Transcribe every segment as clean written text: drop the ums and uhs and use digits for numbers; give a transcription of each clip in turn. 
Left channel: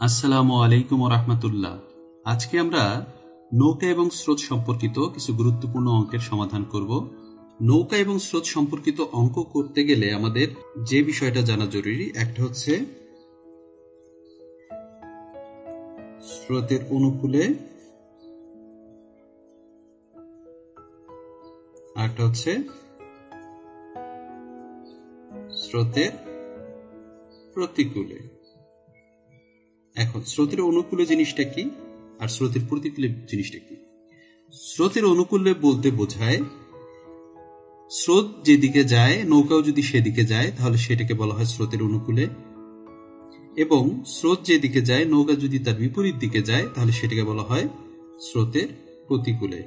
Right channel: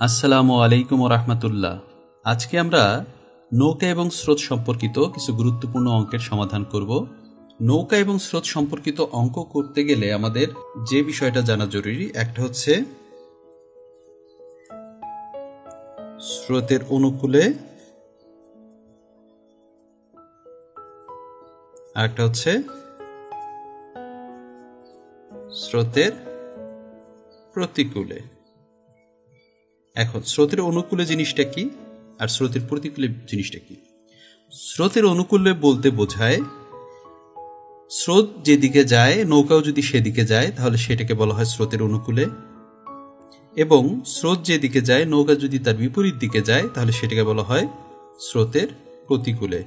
আসসালামু আলাইকুম ওয়া রাহমাতুল্লাহ। আজকে আমরা নৌকা এবং স্রোত সম্পর্কিত কিছু গুরুত্বপূর্ণ অঙ্কের সমাধান করব। নৌকা এবং স্রোত সম্পর্কিত অঙ্ক করতে গেলে আমাদের যে বিষয়টা জানা জরুরি, একটা হচ্ছে স্রোতের অনুকূলে, আর একটা হচ্ছে স্রোতের প্রতিকূলে। এখন স্রোতের অনুকূলে জিনিসটা কি আর স্রোতের প্রতিকূলে জিনিসটা কি? স্রোতের অনুকূলে বলতে বোঝায় স্রোত যেদিকে যায় নৌকাও যদি সেদিকে যায় তাহলে সেটাকে বলা হয় স্রোতের অনুকূলে, এবং স্রোত যেদিকে যায় নৌকা যদি তার বিপরীত দিকে যায় তাহলে সেটাকে বলা হয় স্রোতের প্রতিকূলে।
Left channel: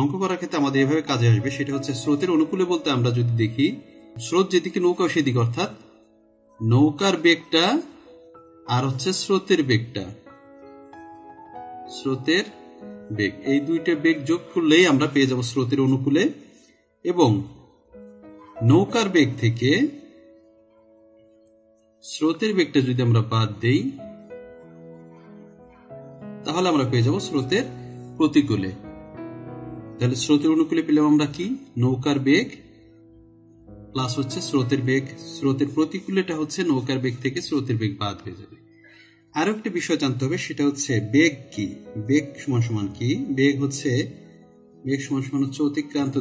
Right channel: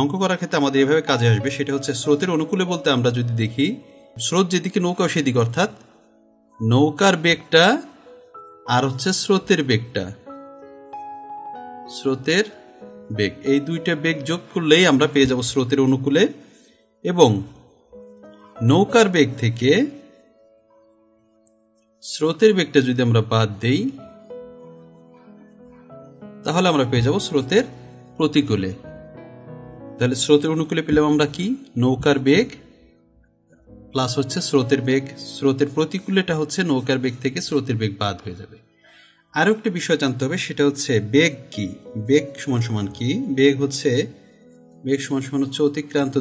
অঙ্ক করার ক্ষেত্রে আমাদের এভাবে কাজে আসবে। সেটা হচ্ছে স্রোতের অনুকূলে বলতে আমরা যদি দেখি স্রোত যেদিকে নৌকাও সেদিকে, অর্থাৎ নৌকার বেগটা আর হচ্ছে স্রোতের বেগটা, স্রোতের বেগ, এই দুইটা বেগ যোগ করলেই আমরা পেয়ে যাব স্রোতের অনুকূলে। এবং নৌকার বেগ থেকে স্রোতের বেগটা যদি আমরা বাদ দেই তাহলে আমরা পেয়ে যাব স্রোতের প্রতিকূলে। তাহলে স্রোতের অনুকূলে পেলাম আমরা কি? নৌকার বেগ প্লাস হচ্ছে স্রোতের বেগ। স্রোতের প্রতিকূলেটা হচ্ছে নৌকার বেগ থেকে স্রোতের বেগ বাদ হয়ে যাবে। আরো একটা বিষয় জানতে হবে, সেটা হচ্ছে বেগ কি। বেগ সমান সমান কি? বেগ সমান সমান হচ্ছে অতিক্রান্ত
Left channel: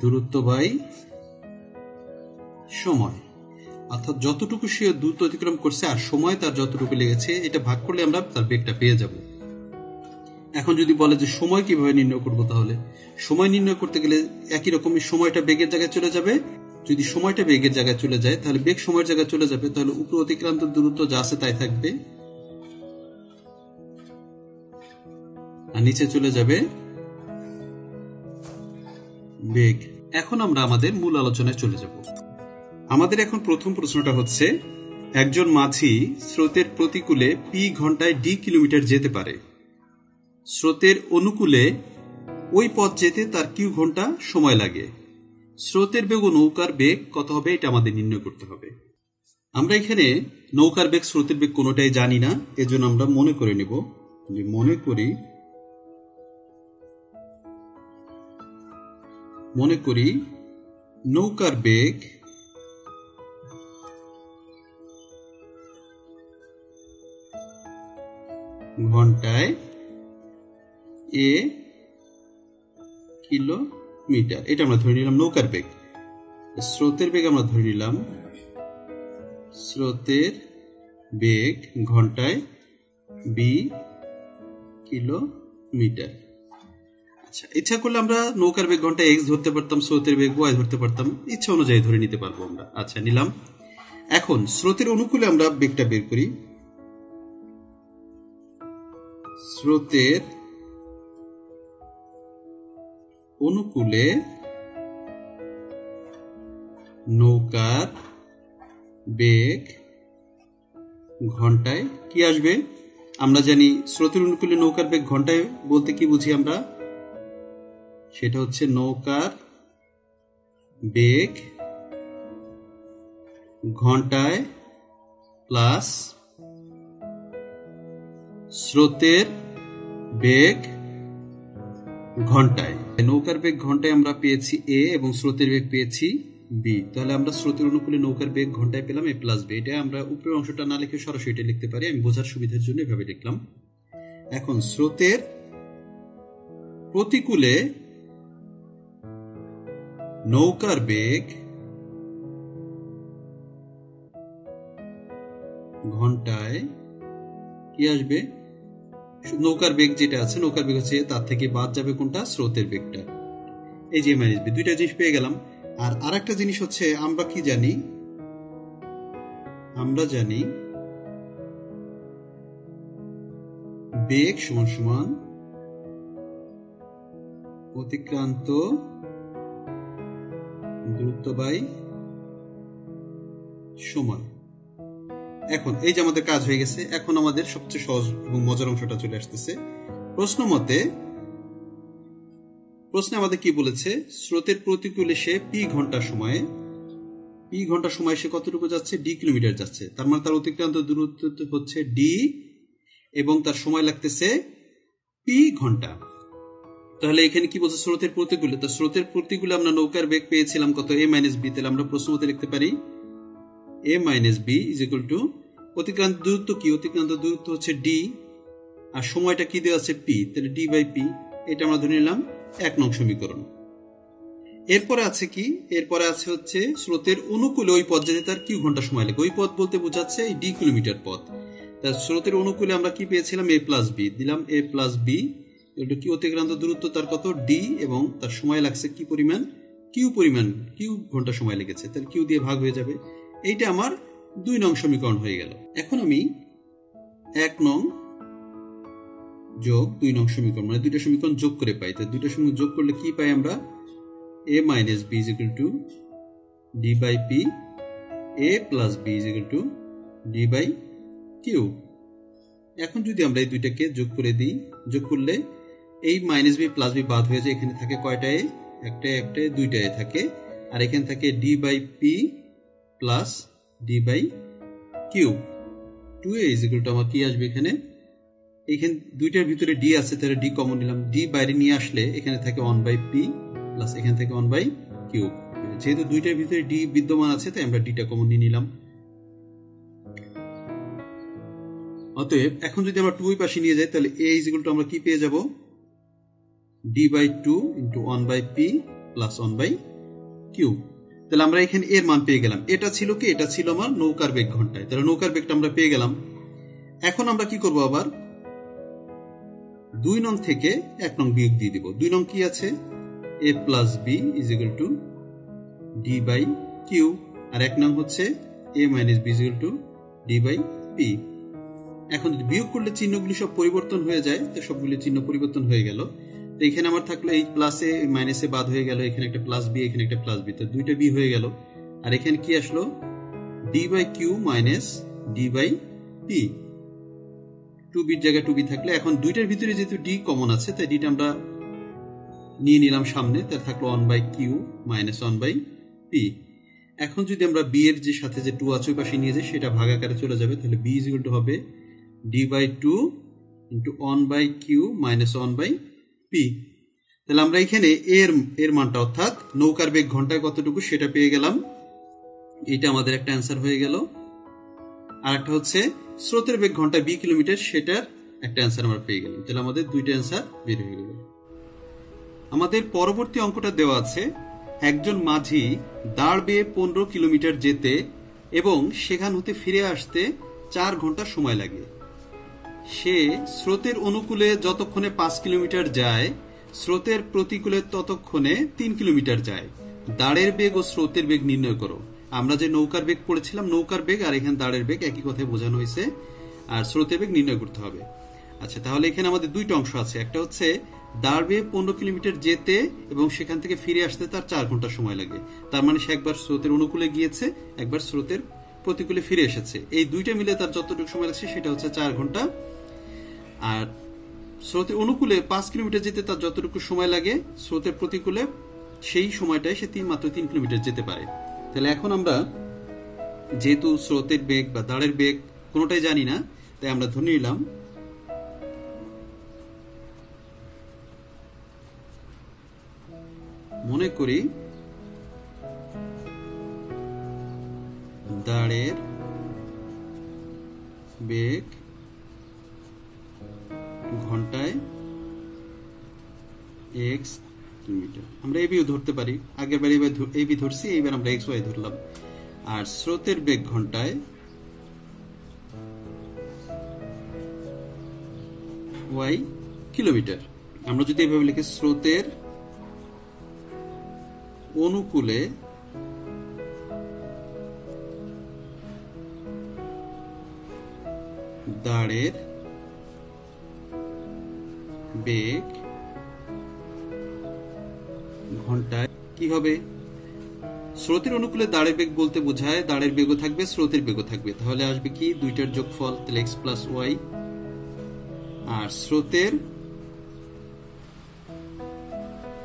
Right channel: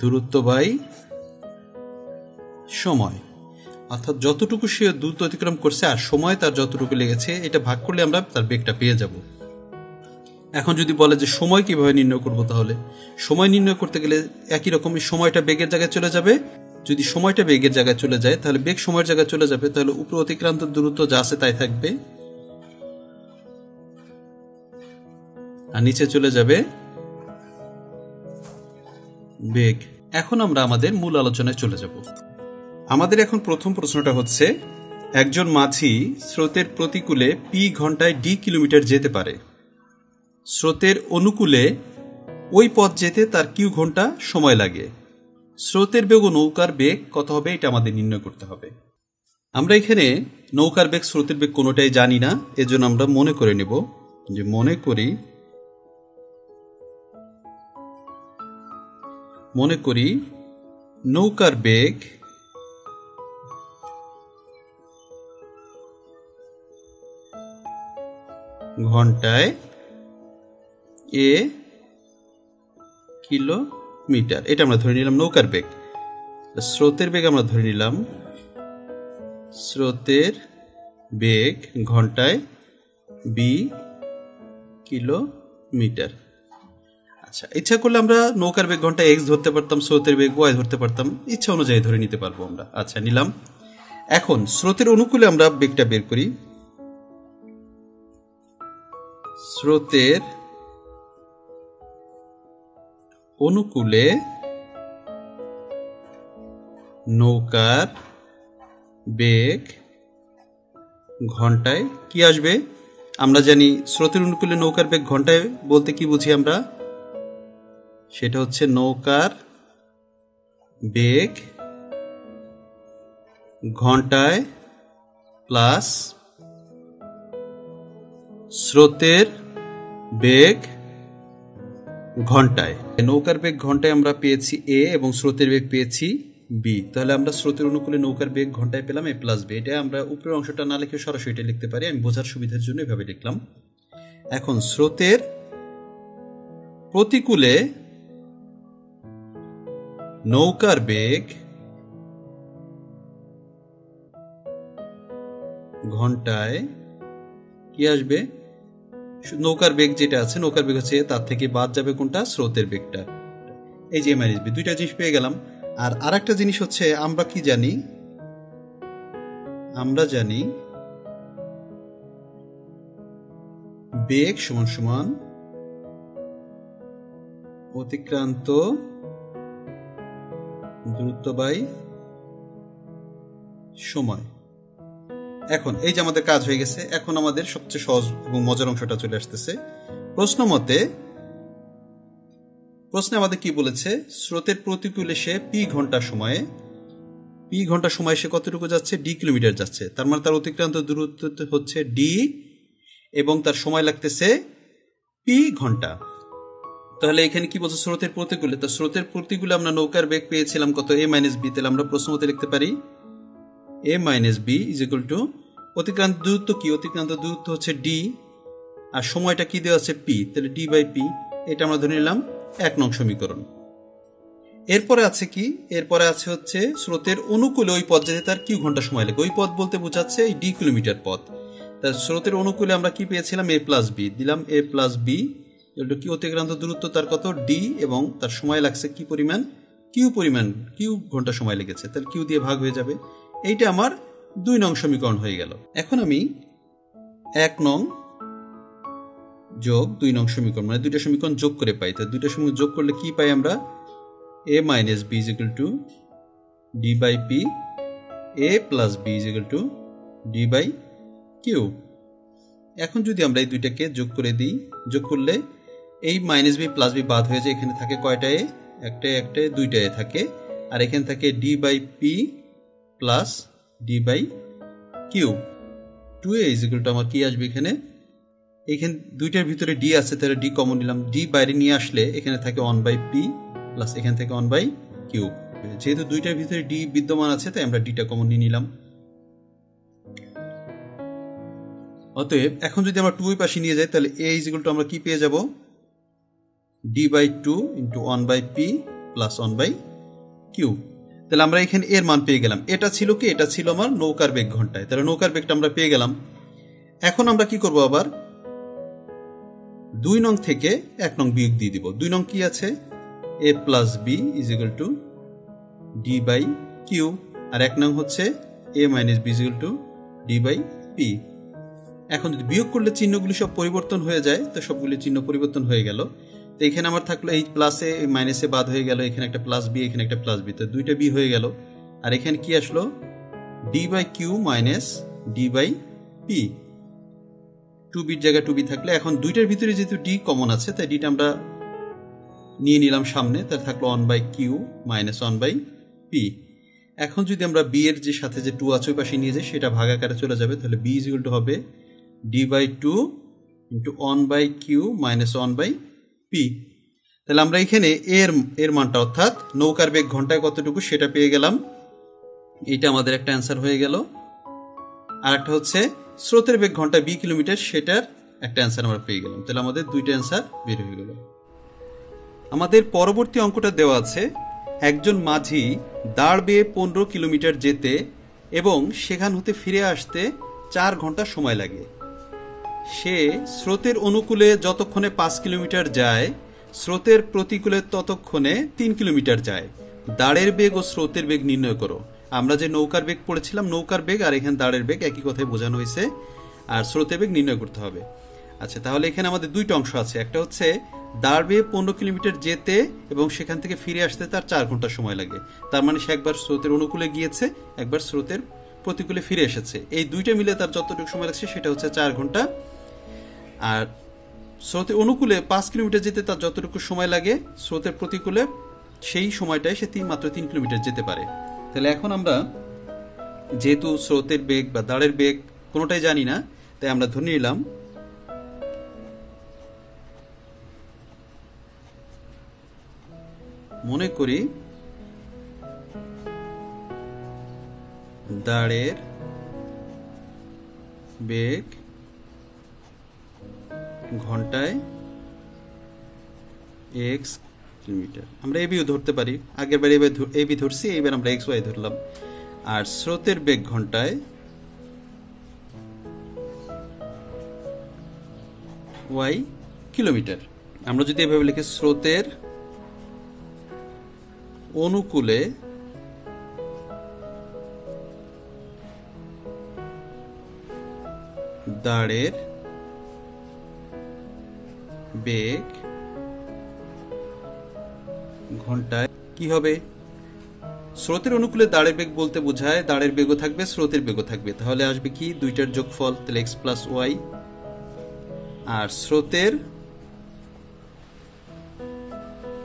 দূরত্ব বাই সময়, অর্থাৎ যতটুকু সে দূরত্ব অতিক্রম করছে আর সময় তার যতটুকু লেগেছে, এটা ভাগ করলে আমরা তার বেগটা পেয়ে যাব। এখন যদি বলে যে সময় কিভাবে নির্ণয় করব, তাহলে সময় নির্ণয় করতে গেলে একই রকম সময়টা বেগের জায়গায় চলে যাবে। যদি সময়টা বেগের জায়গায় চলে যায় তাহলে বেগ সময়ের জায়গায় চলে যাবে, তাহলে উপরে অতিক্রান্ত দূরত্ব যা আছে তাই থাকবে আর নিচে চলে যাবে বেগ। এখন আমরা আমাদের মূল আলোচনায় চলে যাব। আমাদের এখন প্রথম প্রশ্নটা হচ্ছে, একজন মাঝি স্রোতের প্রতিকূলে পি ঘন্টায় ডি কিলোমিটার যেতে পারে। স্রোতের অনুকূলে ওই পথ যেতে তার কিউ ঘন্টা সময় লাগে। স্রোতের বেগ ও নৌকার বেগ কত হবে, এটা আমাদের নির্ণয় করতে হবে। আমরা এখানে নৌকার বেগ স্রোতের বেগ কোনোটাই জানি না, এজন্য আমরা মনে করে নেব যে মনে করি নৌকার বেগ ঘন্টায় এ কিলোমিটার, এটা আমরা ধরে নিলাম নৌকার বেগ। স্রোতের বেগ আমরা ধরে নিলাম স্রোতের বেগ ঘন্টায় বি কিলোমিটার। আচ্ছা, ইচ্ছা করলে আমরা নৌকার বেগ ঘন্টায় এক্স ধরতে পারতাম, স্রোতের বেগ ওয়াই ধরতে পারতাম, ইচ্ছা অনুযায়ী ধরে নিতে পারবো আমরা। আচ্ছা, নিলাম। এখন স্রোতের অনুকূলে আমরা বেগটা বের করি। স্রোতের অনুকূলে নৌকার বেগ ঘন্টায় কি আসবে? আমরা জানি স্রোতের অনুকূলে নৌকার বেগ ঘন্টায় বলতে কি বুঝি আমরা, সেটা হচ্ছে নৌকার বেগ ঘন্টায় প্লাস স্রোতের বেগ ঘন্টায়। নৌকার বেগ ঘন্টায় আমরা পেয়েছি এ এবং স্রোতের বেগ পেয়েছি বি, তাহলে আমরা স্রোতের অনুকূলে নৌকার বেগ ঘন্টায় পেলাম এ প্লাস বি। এটা আমরা উপরের অংশটা না লিখে সরাসরি এটা লিখতে পারি, আমি বোঝার সুবিধার জন্য এভাবে লিখলাম। এখন স্রোতের প্রতিকূলে নৌকার বেগ ঘন্টায় কি আসবে? নৌকার বেগ যেটা আছে, নৌকার বেগ হচ্ছে তার থেকে বাদ যাবে কোনটা? স্রোতের বেগটা। এই যে মাইনাস বি, দুইটা জিনিস পেয়ে গেলাম। আর আরেকটা জিনিস হচ্ছে, আমরা কি জানি? আমরা জানি বেগ সমান সমান অতিক্রান্ত দূরত্ব বাই সময়। এখন এই যে আমাদের কাজ হয়ে গেছে, এখন আমাদের সবচেয়ে সহজ এবং মজার অংশটা চলে আসতেছে। প্রশ্নে আমাদের কি বলেছে? স্রোতের প্রতিকূলে সে পি ঘন্টা সময়ে পি ঘন্টা সময় সে কতটুকু যাচ্ছে, ডি কিলোমিটার যাচ্ছে, তার মানে তার অতিক্রান্ত দূরত্ব হচ্ছে ডি এবং তার সময় লাগতেছে পি ঘন্টা। তাহলে এখানে কি বলছে, স্রোতের প্রতিকূলে, তো স্রোতের প্রতিকূলে আমরা নৌকার বেগ পেয়েছিলাম কত, a মাইনাস বি, তাহলে আমরা প্রশ্ন মতে লিখতে পারি a minus B is equal to অতিক্রান্ত দূরত্ব কি, অতিক্রান্ত দূরত্ব হচ্ছে ডি আর সময়টা কি দেওয়া আছে পি, তাহলে ডি বাই পি, এটা আমরা ধরে নিলাম 1 নং সমীকরণ। এরপরে আছে কি, এরপরে আছে হচ্ছে স্রোতের অনুকূলে ওই পথ যেতে তার কিউ ঘন্টা সময় লাগে, ওই পথ বলতে বোঝাচ্ছে এই ডি কিলোমিটার পথ। তার স্রোতের অনুকূলে আমরা কি পেয়েছিলাম, a প্লাস বি, দিলাম a প্লাস বি কি অতিক্রান্ত দূরত্ব তার কত ডি এবং তার সময় লাগছে কি পরিমাণ, কিউ ঘন্টা সময় লেগেছে, তাহলে কিউ দিয়ে ভাগ হয়ে যাবে। এইটা আমার 2 নং সমীকরণ হয়ে গেল। এখন আমি 1 নং যোগ 2 নং সমীকরণ মানে দুইটা সমীকরণ যোগ করে পাই, তো দুইটা সমীকরণ যোগ করলে কি পাই আমরা, a minus B is equal to D by p, a plus B is equal to D by q. এখন যদি আমরা এই দুইটাকে যোগ করে দিই, যোগ করলে এই মাইনাস বি প্লাস বি বাদ হয়ে যায়, এখানে থাকে কয়টা এ, একটা দুইটা এ থাকে, আর এখানে থাকে d by p plus d by q. 2a is equal to আমার কি আসবে, এখানে দুইটার ভিতরে ডি আছে, তাহলে ডি কমন নিলাম, ডি বাইরে নিয়ে আসলে এখানে থাকে 1 বাই পি প্লাস এখানে থেকে 1 বাই কিউ। যেহেতু দুইটার ভিতরে ডি বিদ্যমান আছে তাই আমরা ডিটা কমন নিয়ে নিলাম। অতএব এখন যদি আমরা 2 এর পাশে নিয়ে যাই তাহলে a ইজ ইকুয়াল টু আমরা কি পেয়ে যাব, d by 2 into 1 by p plus 1 by q. তাহলে আমরা এখানে এর মান পেয়ে গেলাম। এটা ছিল কি, এটা ছিল আমার নৌকার বেগ ঘন্টায়, তাহলে নৌকার বেগটা আমরা পেয়ে গেলাম। এখন আমরা কি করব, আবার 2 নং থেকে 1 নং বিয়োগ দিয়ে দিব। 2 নং কি আছে, a plus B is equal to D by Q, আর 1 নং হচ্ছে a minus B is equal to D by P. এখন যদি বিয়োগ করলে চিহ্নগুলি সব পরিবর্তন হয়ে যায়, তো সবগুলি চিহ্ন পরিবর্তন হয়ে গেল। তো এখানে আমার থাকলো এই প্লাসে মাইনাসে বাদ হয়ে গেল, এখানে একটা প্লাস বি, এখানে একটা প্লাস বি, তো দুইটা বি হয়ে গেল। আর এখানে কি আসলো, d by q minus d by p, 2 বির জায়গায় 2 বি থাকলে, এখন দুইটার ভিতরে যেহেতু ডি কমন আছে তাই ডিটা আমরা নিয়ে নিলাম সামনে, তার থাকলো 1 by q minus 1 by P. এখন যদি আমরা বি এর যে সাথে যে 2 আছে ওই পাশে নিয়ে যাই, সেটা ভাগ আকারে চলে যাবে, তাহলে বি ইজ ইকুয়াল টু হবে d by 2 into 1 by q minus 1 by p. তাহলে আমরা এখানে এর মানটা অর্থাৎ নৌকার বেগ ঘন্টায় কতটুকু সেটা পেয়ে গেলাম, এটা আমাদের একটা অ্যান্সার হয়ে গেল। আর একটা হচ্ছে স্রোতের বেগ ঘন্টায় বি কিলোমিটার, সেটার একটা অ্যান্সার আমরা পেয়ে গেলাম। তাহলে আমাদের দুইটা অ্যান্সার বের হয়ে গেল। আমাদের পরবর্তী অঙ্কটা দেওয়া আছে, একজন মাঝি দাঁড় বেয়ে 15 কিলোমিটার যেতে এবং সেখান হতে ফিরে আসতে 4 ঘন্টা সময় লাগে। সে স্রোতের অনুকূলে যতক্ষণে 5 কিলোমিটার যায়, স্রোতের প্রতিকূলে ততক্ষণে 3 কিলোমিটার যায়। দাঁড়ের বেগ ও স্রোতের বেগ নির্ণয় করো। আমরা যে নৌকার বেগ পড়েছিলাম, নৌকার বেগ আর এখানে দাঁড়ের বেগ একই কথায় বোঝানো হয়েছে, আর স্রোতের বেগ নির্ণয় করতে হবে। আচ্ছা, তাহলে এখানে আমাদের দুইটা অংশ আছে, একটা হচ্ছে দাঁড় বেয়ে 15 কিলোমিটার যেতে এবং সেখান থেকে ফিরে আসতে তার 4 ঘন্টা সময় লাগে। তার মানে সে একবার স্রোতের অনুকূলে গিয়েছে, একবার স্রোতের প্রতিকূলে ফিরে এসেছে, এই দুইটা মিলে তার যতটুকু সময় লাগছে সেটা হচ্ছে 4 ঘন্টা। আর স্রোতের অনুকূলে 5 কিলোমিটার যেতে তার যতটুকু সময় লাগে, স্রোতের প্রতিকূলে সেই সময়টায় সে মাত্র 3 কিলোমিটার যেতে পারে। তাহলে এখন আমরা যেহেতু স্রোতের বেগ বা দাঁড়ের বেগ কোনোটাই জানি না, তাই আমরা ধরে নিলাম মনে করি দাঁড়ের বেগ ঘন্টায় x কিলোমিটার। আমরা এবিও ধরতে পারি, আগের বার এবি ধরছি, এইবার আমরা এক্স ওয়াই ধরলাম। আর স্রোতের বেগ ঘন্টায় y কিলোমিটার। আমরা যদি এভাবে লিখি, স্রোতের অনুকূলে দাঁড়ের বেগ ঘন্টায় কি হবে, স্রোতের অনুকূলে দাঁড়ের বেগ বলতে বোঝায় দাঁড়ের বেগও থাকবে স্রোতের বেগও থাকবে, তাহলে আসবে কি দুইটার যোগফল, তাহলে x প্লাস ওয়াই। আর স্রোতের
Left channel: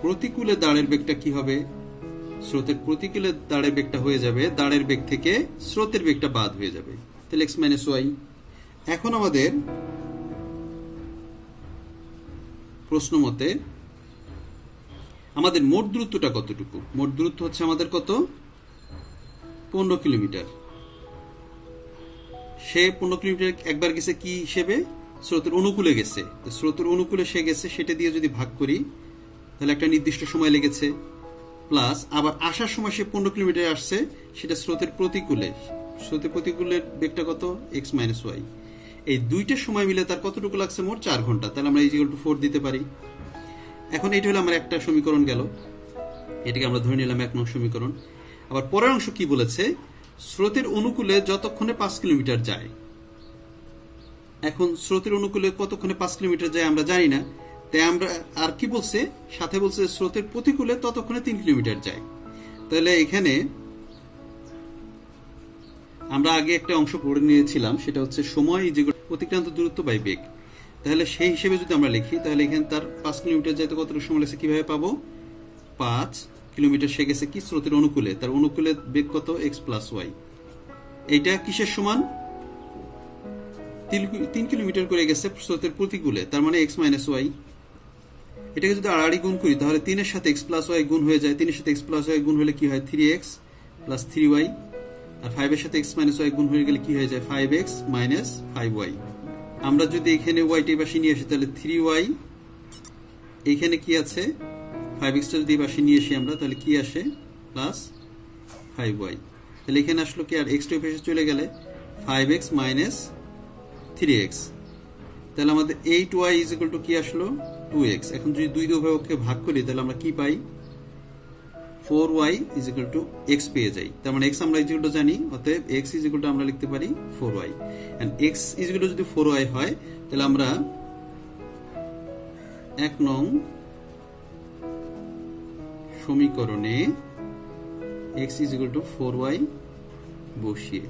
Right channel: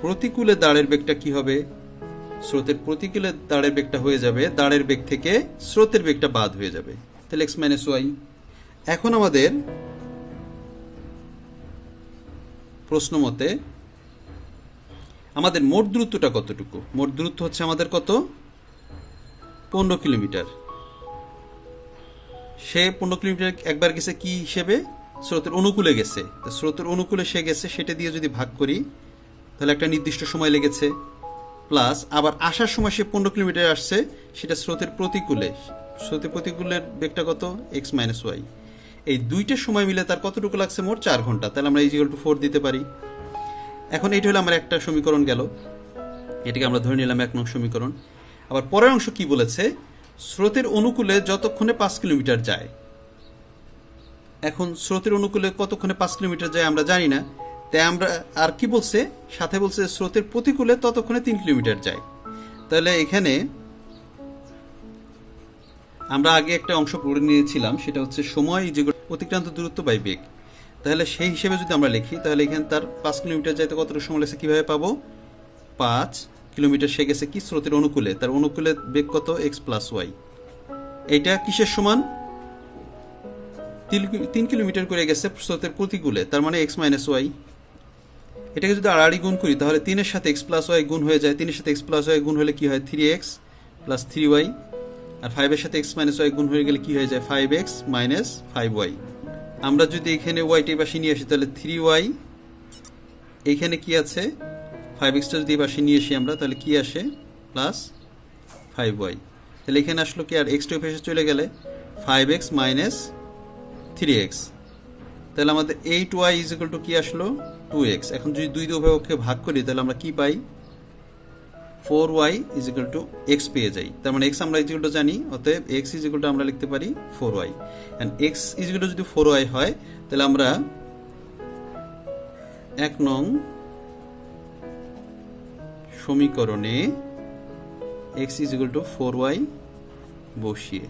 প্রতিকূলে দাঁড়ের বেগটা কি হবে, স্রোতের প্রতিকূলে দাঁড়ের বেগটা হয়ে যাবে দাঁড়ের বেগ থেকে স্রোতের বেগটা বাদ হয়ে যাবে, তাহলে x মাইনাস ওয়াই। এখন আমাদের প্রশ্ন মতে আমাদের মোট দূরত্বটা কতটুকু? মোট দূরত্ব হচ্ছে আমাদের কত? 15 কিলোমিটার। সে 15 কিলোমিটার একবার গেছে কি হিসেবে? স্রোতের অনুকূলে গেছে। স্রোতের অনুকূলে সে গেছে, সেটা দিয়ে যদি ভাগ করি তাহলে একটা নির্দিষ্ট সময় লেগেছে, প্লাস আবার আসার সময় সে 15 কিলোমিটার আসছে, সেটা স্রোতের প্রতিকূলে। স্রোতের প্রতিকূলের বেগটা কত? x minus y. এই দুইটা সময় মিলে তার কতটুকু লাগছে? মোট 4 ঘন্টা। তাহলে আমরা ইকুয়াল টু 4 দিতে পারি। এখন এটা হলো আমার একটা সমীকরণ গেল, এটাকে আমরা ধরে নিলাম 1 নং সমীকরণ। আবার পরের অংশ কি বলেছে? স্রোতের অনুকূলে যতক্ষণে 5 কিলোমিটার যায়। এখন স্রোতের অনুকূলে কতক্ষণে 5 কিলোমিটার যায় আমরা জানি না, তাই আমরা আর কি বলছে? সাথে বলছে স্রোতের প্রতিকূলে ততক্ষণে 3 কিলোমিটার যায়। তাহলে এখানে আমরা আগে একটা অংশ পড়ে নিয়েছিলাম, সেটা হচ্ছে সময় যেগুলো অতিক্রান্ত দূরত্ব বাই বেগ। তাহলে সেই হিসেবে যদি আমরা লিখি তাহলে এখানে তার 5 কিলোমিটার যাইতে কতটুকু সময় লাগছে কিভাবে পাবো? 5 কিলোমিটার সে গেছে কি? স্রোতের অনুকূলে। তার অনুকূলে বেগ কত? x plus y. এইটা কিসের সমান? 3 কিলোমিটার করে গেছে স্রোতের প্রতিকূলে, তার মানে x মাইনাস ওয়াই। এটাকে যদি আড়াআড়ি গুণ করি তাহলে 3 এর সাথে x প্লাস ওয়াই গুণ হয়ে যায়। 3 এর সাথে x প্লাস ওয়াই গুণ হলে কি হয়? 3x plus 3y। আর 5 এর সাথে x মাইনাস ওয়াই গুণ হয়ে গেলে কি হয়ে যায়? 5x minus 5y। আমরা যদি এখানে ওয়াইটা এই পাশে নিয়ে আসি তাহলে 3y, এইখানে কি আছে? 5x টা যদি এই পাশে নিয়ে আসি আমরা তাহলে কি আসে? Plus 5y। তাহলে এখানে আসলো কি? আর x টা এই পাশে চলে গেলে 5x মাইনাস 3x। তাহলে আমাদের 8y ইজ ইকুয়াল টু কি আসলো? 2x। এখন যদি দুই উভয়কে ভাগ করি তাহলে আমরা কি পাই? 4y is equal two x পেয়ে যাই। তার মানে x আমরা ইজ ইকুয়াল টু জানি, অতএব x ইজ ইকুয়াল টু আমরা লিখতে পারি 4y। And x is equal to যদি 4y হয় তাহলে আমরা 1 নং সমীকরণে x is equal two 4y বসিয়ে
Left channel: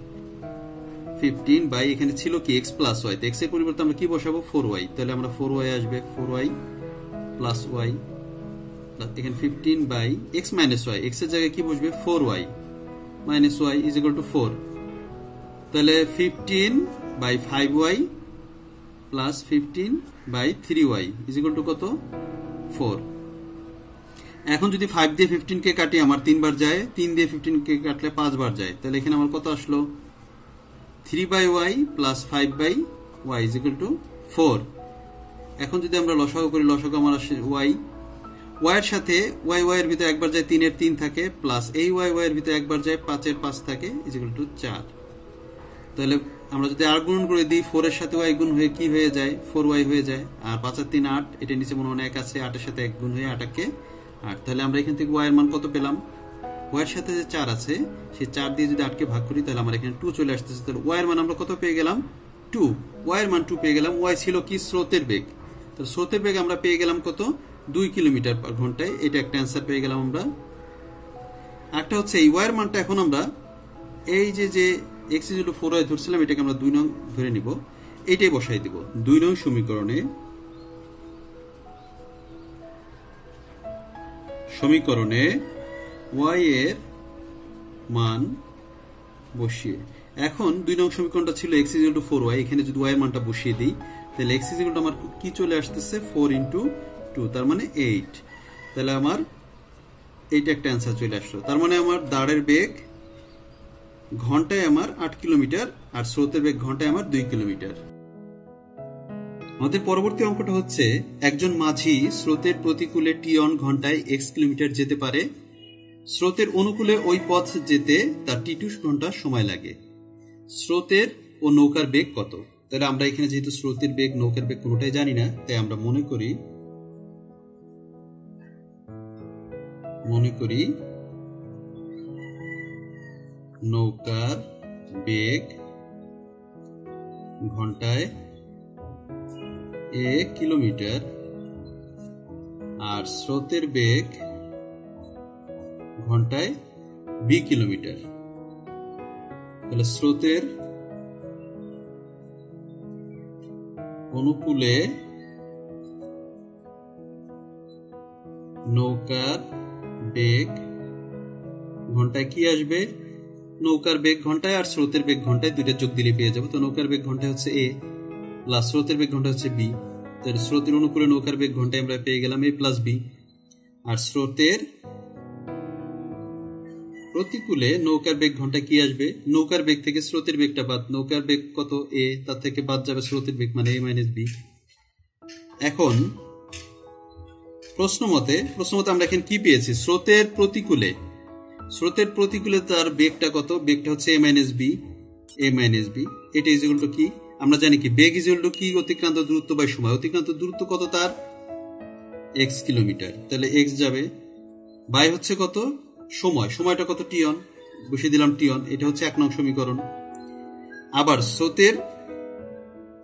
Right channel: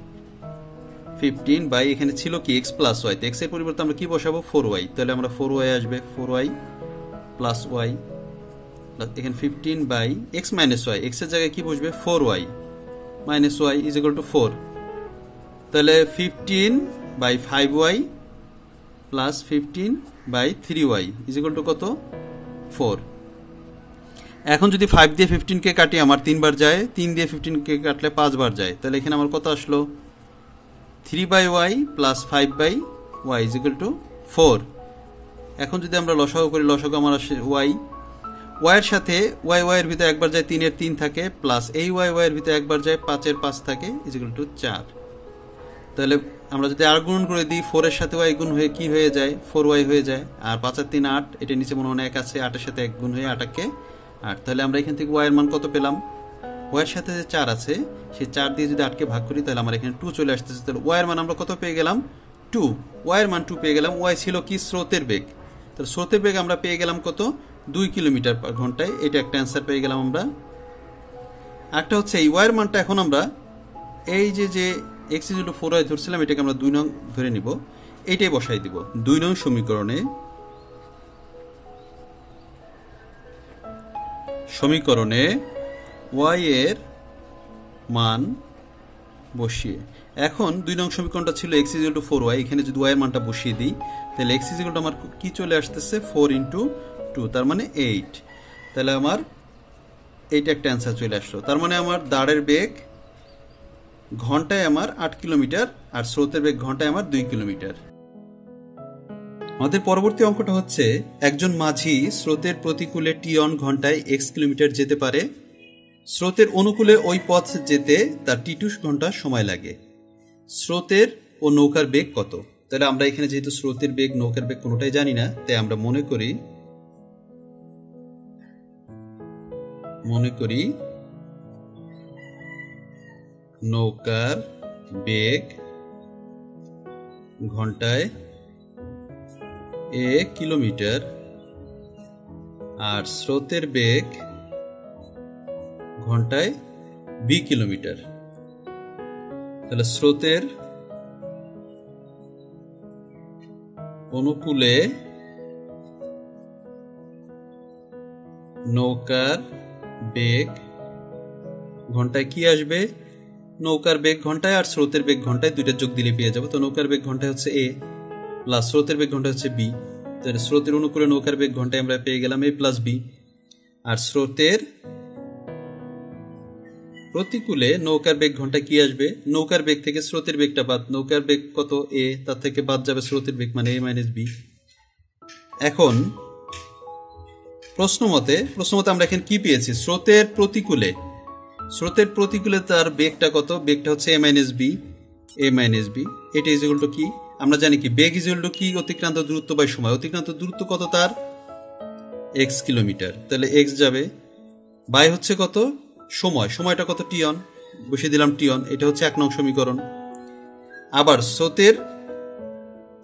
15 বাই এখানে ছিল কি? x প্লাস y, তো x এর পরিবর্তে আমরা কি বসাবো? 4y। তাহলে আমরা 4y আসবে, 4y প্লাস y, এখানে 15 by x minus y, x এর জায়গায় কি বসবে? 4y minus y is equal to 4। তাহলে 15 by 5y plus 15 by 3y is equal to কত? 4। এখন যদি 5 দিয়ে 15 কে কাটি আমার 3 বার যায়, 3 দিয়ে 15 কে কাটলে 5 বার যায়। তাহলে এখানে আমার কত আসলো? 3 by y plus 5 by y is equal to 4। এখন যদি আমরা লসাগু করি, লসাগু আমার আসে y। y এর সাথে y এর ভিতরে একবার যায় 3 এর 3 থাকে, প্লাস এই y এর ভিতরে একবার যায় 5 এর 5 থাকে ইজ ইকুয়াল টু 4। তাহলে আমরা যদি আর গুণ করে দিই, 4 এর সাথে y গুণ হয়ে কি হয়ে যায়? 4y হয়ে যায়। আর 5 আর 3 8, এটা নিচে মনে হয় 1 আছে, 8 এর সাথে 1 গুণ হয়ে 8 কে 8। তাহলে আমরা এখান থেকে y এর মান কত পেলাম? y এর সাথে যে 4 আছে সেই 4 দিয়ে যদি 8 কে ভাগ করি তাহলে আমরা এখানে 2 চলে আসতেছে। তাহলে y এর মান আমরা কত পেয়ে গেলাম? 2। y এর মান 2 পেয়ে গেলাম। y ছিল কি? স্রোতের বেগ। তাহলে স্রোতের বেগ আমরা পেয়ে গেলাম কত? 2 কিলোমিটার পার ঘন্টায়। এটা একটা অ্যান্সার পেয়ে গেলাম আমরা। একটা হচ্ছে এই y এর মানটা এখন আমরা এই যে x = 4y ধরছিলাম, এটাকে আমরা 2 নং ধরে নিব, এইটাই বসাই দিব 2 নং সমীকরণে। y এর মান বসিয়ে, এখন 2 নং সমীকরণটা ছিল x = 4y, এখানে যদি y এর মানটা বসিয়ে দিই তাহলে x = আমার কি চলে আসতেছে? 4 × 2, তার মানে 8। তাহলে আমার এইটা একটা অ্যান্সার চলে আসলো। তার মানে আমার দাঁড়ের বেগ ঘন্টায় আমার 8 কিলোমিটার আর স্রোতের বেগ ঘন্টায় আমার 2 কিলোমিটার। আমাদের পরবর্তী অঙ্কটা হচ্ছে একজন মাঝি স্রোতের প্রতিকূলে টি-অন ঘন্টায় x কিলোমিটার যেতে পারে। স্রোতের অনুকূলে ওই পথ যেতে তার t2 ঘন্টা সময় লাগে। স্রোতের ও নৌকার বেগ কত? তাহলে আমরা এখানে যেহেতু স্রোতের বেগ নৌকার বেগ কোনোটাই জানি না, তাই আমরা মনে করি নৌকার বেগ ঘন্টায় a কিলোমিটার আর স্রোতের বেগ ঘন্টায় b কিলোমিটার। তাহলে স্রোতের অনুকূলে নৌকার বেগ ঘন্টায় কি আসবে, নৌকার বেগ ঘন্টায় আর স্রোতের বেগ ঘন্টায়, দুইটা যোগ দিলে পেয়ে যাবো। তো নৌকার বেগ ঘন্টায় হচ্ছে এ প্লাস স্রোতের বেগ ঘন্টায় হচ্ছে বি। তাহলে স্রোতের অনুকূলে নৌকার বেগ ঘন্টায় আমরা পেয়ে গেলাম এ প্লাস বি, আর স্রোতের প্রতিকূলে নৌকার বেগ ঘন্টায় কি আসবে, নৌকার বেগ থেকে স্রোতের বেগটা বাদ, নৌকার বেগ কত এ, তার থেকে বাদ যাবে স্রোতের বেগ মানে এ মাইনাস বি। এখন প্রশ্ন মতে আমরা এখানে কি পেয়েছি, স্রোতের প্রতিকূলে তার বেগটা কত, বেগটা হচ্ছে এ মাইনাস বি, এটা ইজ ইকুয়াল টু কি, আমরা জানি কি বেগ ইজ ইকুয়াল টু কি, অতিক্রান্ত দূরত্ব বাই সময়। অতিক্রান্ত দূরত্ব কত তার, এক্স কিলোমিটার, তাহলে এক্স যাবে বাই হচ্ছে কত সময়, সময়টা কত টি অন, বসিয়ে দিলাম টি অন, এটা হচ্ছে 1 নং সমীকরণ। আবার স্রোতের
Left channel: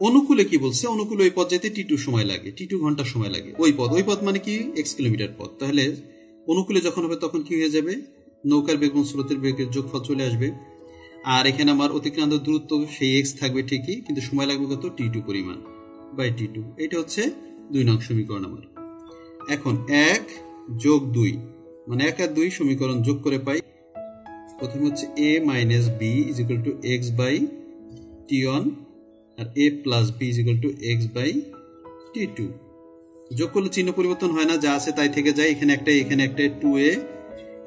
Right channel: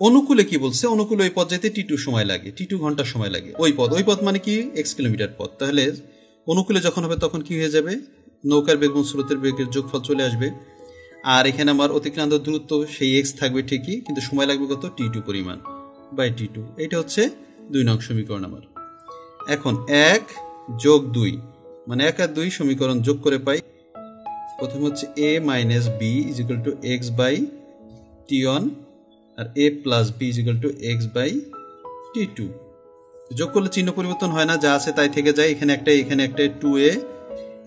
অনুকূলে কি বলছে, অনুকূলে ওই পথ যেতে টি2 সময় লাগে, টি2 ঘন্টা সময় লাগে, ওই পথ মানে কি এক্স কিলোমিটার পথ। তাহলে অনুকূলে যখন হবে তখন কি হয়ে যাবে, নৌকার বেগ এবং স্রোতের বেগের যোগফল চলে আসবে, আর এখানে আমার অতিক্রান্ত দূরত্ব সেই এক্স থাকবে ঠিকই, কিন্তু সময় লাগবে কত টি2 পরিমাণ বাই টি2। এটা হচ্ছে 2 নং সমীকরণ আমার। এখন 1 যোগ 2 মানে 1 আর 2 সমীকরণ যোগ করে পাই, প্রথমে হচ্ছে a minus B is equal to X by T one, আর a plus B is equal to X by টি2। যোগ করলে চিহ্ন পরিবর্তন হয় না, যা আছে তাই থেকে যায়, এখানে একটা 2a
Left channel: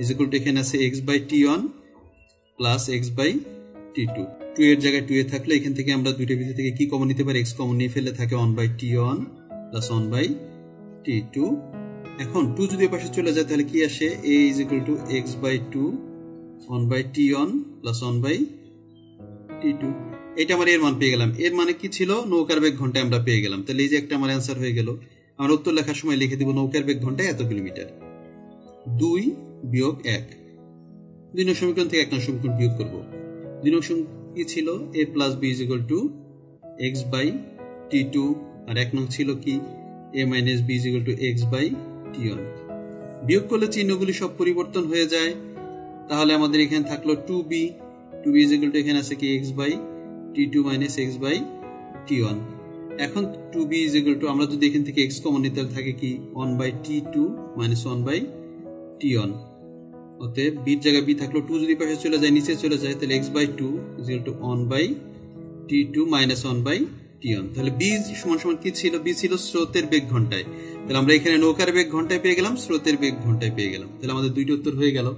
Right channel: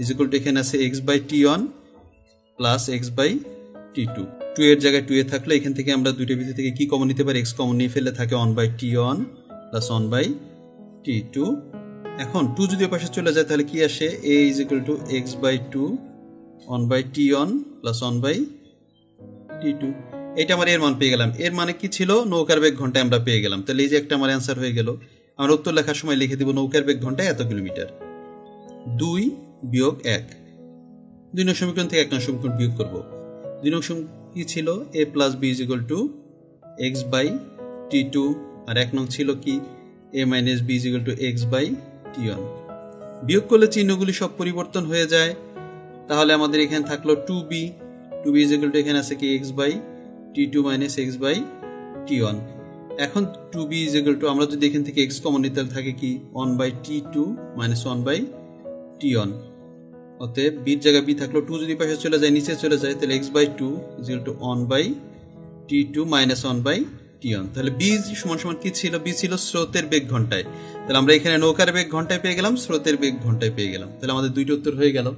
ইজ ইকুয়াল টু এখানে আছে X by T one plus X by টি2। 2 এর জায়গায় 2a থাকলে এখান থেকে আমরা দুইটার ভিতর থেকে কি কমন নিতে পারি, এক্স কমন নিয়ে ফেললে থাকে 1 by T one plus 1 by টি2। এখন 2 যদি পাশে চলে যায় তাহলে কি আসে, a is equal to X by 2 1 by T one plus 1 by টি2। এটা আমার এর মান পেয়ে গেলাম। এর মানে কি ছিল, নৌকার বেগ ঘন্টায় আমরা পেয়ে গেলাম। তাহলে এই যে একটা আমার অ্যান্সার হয়ে গেল। আমরা উত্তর লেখার সময় লিখে দিব নৌকার বেগ ঘন্টায় এত কিলোমিটার। 2 বিয়োগ 1, 2 নং সমীকরণ থেকে 1 নং সমীকরণ বিয়োগ করব। 2 নং সমীকরণ কি ছিল, a plus B is equal to X by টি2, আর 1 নং ছিল কি a minus B is equal to X by T one. বিয়োগ করলে চিহ্নগুলি সব পরিবর্তন হয়ে যায়, তাহলে আমাদের এখানে থাকলো 2b ইজ ইকুয়াল টু এখানে আছে কি এক্স বাই টি2 মাইনাস এক্স বাই টি1। এখন 2b ইজ ইকুয়াল টু, আমরা যদি এখান থেকে এক্স কমন নিতে থাকে কি 1 বাই টি2 মাইনাস 1 বাই টি1। অতএব b এর জায়গায় b থাকলো, 2 যদি পাশে চলে যায় নিচে চলে যায়, তাহলে x by 2 is equal to 1 by টি2 মাইনাস 1 বাই টি1। তাহলে b সমান সমান কি ছিল, b ছিল স্রোতের বেগ ঘন্টায়। তাহলে আমরা এখানে নৌকার বেগ ঘন্টায় পেয়ে গেলাম, স্রোতের বেগ ঘন্টায় পেয়ে গেলাম। তাহলে আমাদের দুইটা উত্তর হয়ে গেল।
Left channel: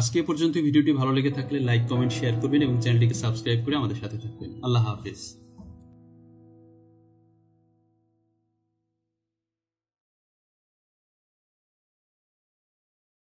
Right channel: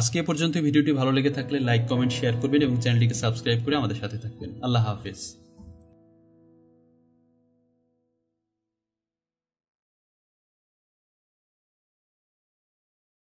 আজকে পর্যন্ত ভিডিওটি ভালো লেগে থাকলে লাইক, কমেন্ট, শেয়ার করবেন এবং চ্যানেলটিকে সাবস্ক্রাইব করে আমাদের সাথে থাকবেন। আল্লাহ হাফেজ।